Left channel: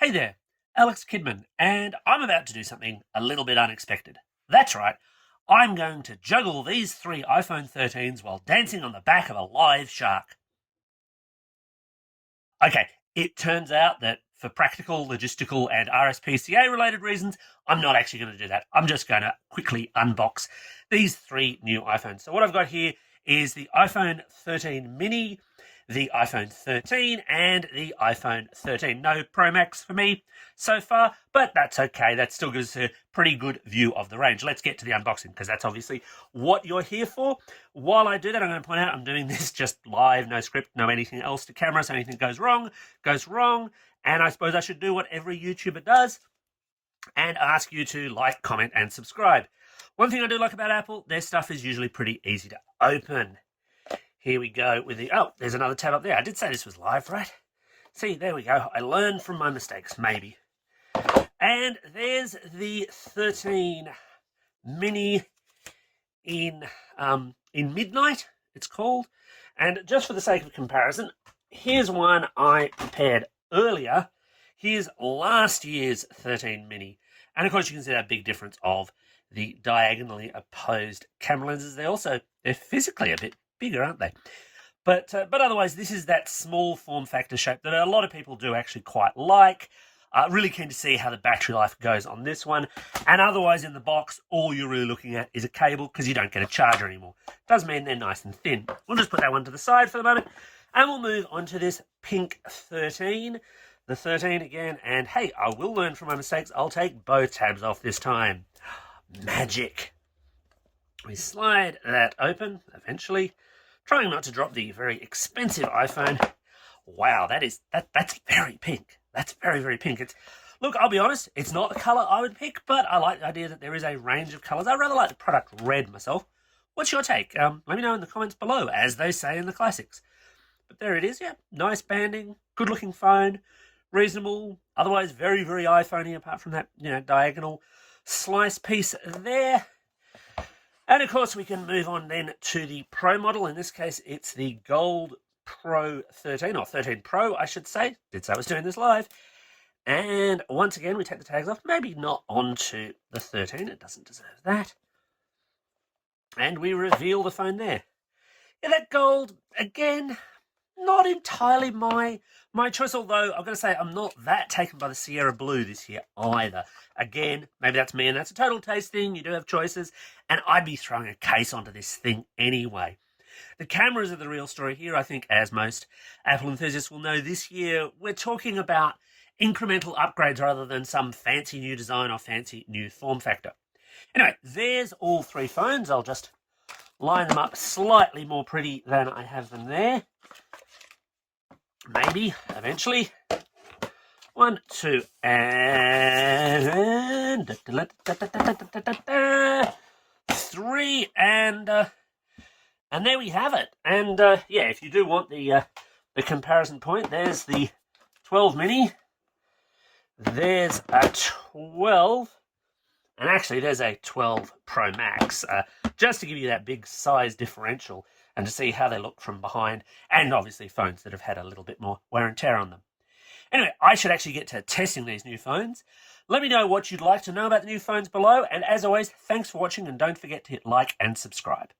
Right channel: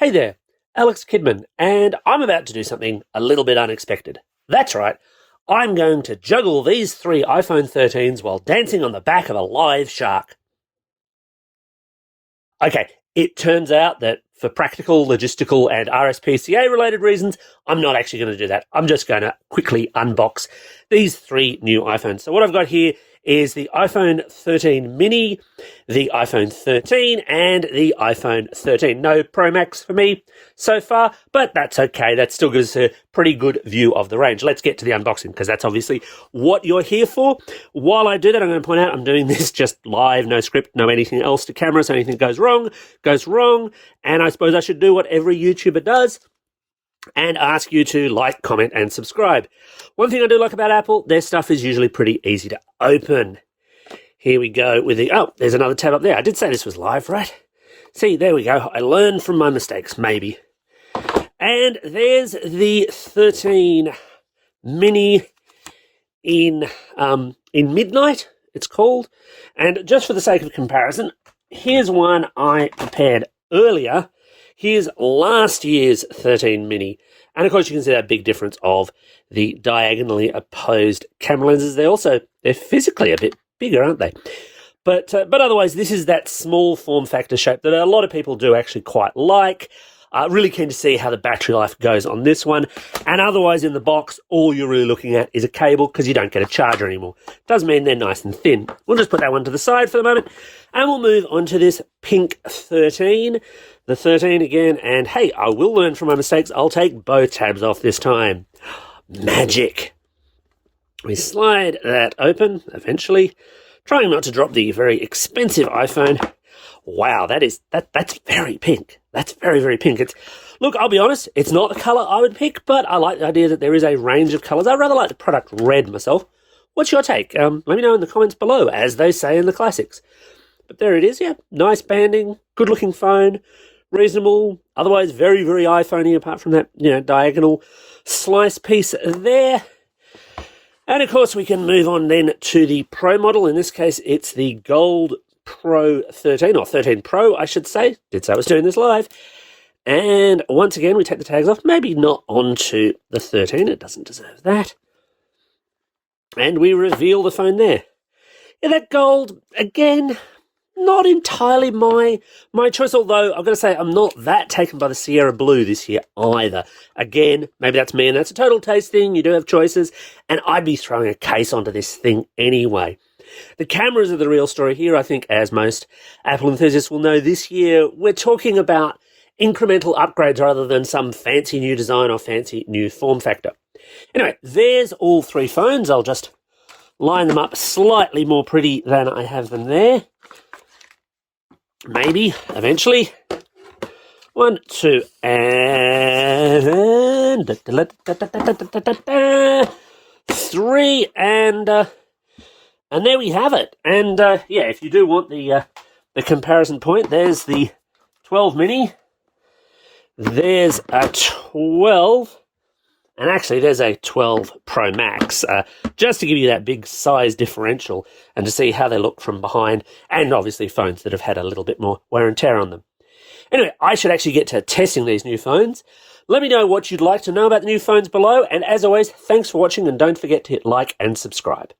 Hey there, Alex Kidman, and I'm about to do something a little bit unexpected. That's right, I'm going to juggle these three iPhone 13s while dancing on the back of a live shark. Okay, it turns out that for practical, logistical, and RSPCA related reasons, I'm not actually going to do that. I'm just going to quickly unbox these three new iPhones. So what I've got here is the iPhone 13 mini, the iPhone 13, and the iPhone 13. No Pro Max for me so far, but that's okay. That still gives us a pretty good view of the range. Let's get to the unboxing, because that's obviously what you're here for. While I do that, I'm going to point out I'm doing this just live, no script, no anything else to camera, so anything goes wrong, goes wrong. And I suppose I should do what every YouTuber does and ask you to like, comment, and subscribe. One thing I do like about Apple, their stuff is usually pretty easy to open. Here we go with the, oh, there's another tab up there. I did say this was live, right? See, there we go. I learned from my mistakes, maybe. And there's the 13 mini in Midnight, it's called. And just for the sake of comparison, here's one I prepared earlier. Here's last year's 13 mini. And of course you can see that big difference of the diagonally opposed camera lenses. They're physically a bit bigger, aren't they? But otherwise, this is that small form factor shape that a lot of people do actually quite like. Really keen to see how the battery life goes on this one. And otherwise in the box, all you're really looking at is a cable, because you don't get a charger anymore. Does mean they're nice and thin. We'll just put that one to the side for the moment. And we'll move on to this pink 13. The 13 again. And hey, I will learn from my mistakes. I'll take both tabs off this time. Magic. We slide that open eventually. Trying not to drop the very expensive iPhone. Wow, that's very pink. That's very, very pink. Look, I'll be honest, it's not the colour I would pick, but I like the idea that there is a range of colours. I rather like the product red myself. What's your take? Let me know in the comments below, as they say in the classics. But there it is, yeah. Nice banding, good-looking phone, reasonable, otherwise very, very iPhone-y, apart from that, diagonal slice piece there. And of course, we can move on then to the Pro model. In this case, it's the Gold Pro 13, or 13 Pro, I should say. Did say I was doing this live. And once again, we take the tags off. Maybe not onto the 13. It doesn't deserve that. And we reveal the phone there. Yeah, that gold, again, not entirely my choice, although I've got to say I'm not that taken by the Sierra Blue this year either. Again, maybe that's me, and that's a total taste thing. You do have choices, and I'd be throwing a case onto this thing anyway. The cameras are the real story here. I think, as most Apple enthusiasts will know, this year we're talking about incremental upgrades rather than some fancy new design or fancy new form factor. Anyway, there's all three phones. I'll just line them up slightly more pretty than I have them there. Maybe, eventually. 1, 2, and 3, and there we have it. And yeah, if you do want the comparison point, there's the 12 mini. There's a 12. And actually, there's a 12 Pro Max, just to give you that big size differential and to see how they look from behind, and obviously phones that have had a little bit more wear and tear on them. Anyway, I should actually get to testing these new phones. Let me know what you'd like to know about the new phones below, and as always, thanks for watching, and don't forget to hit like and subscribe.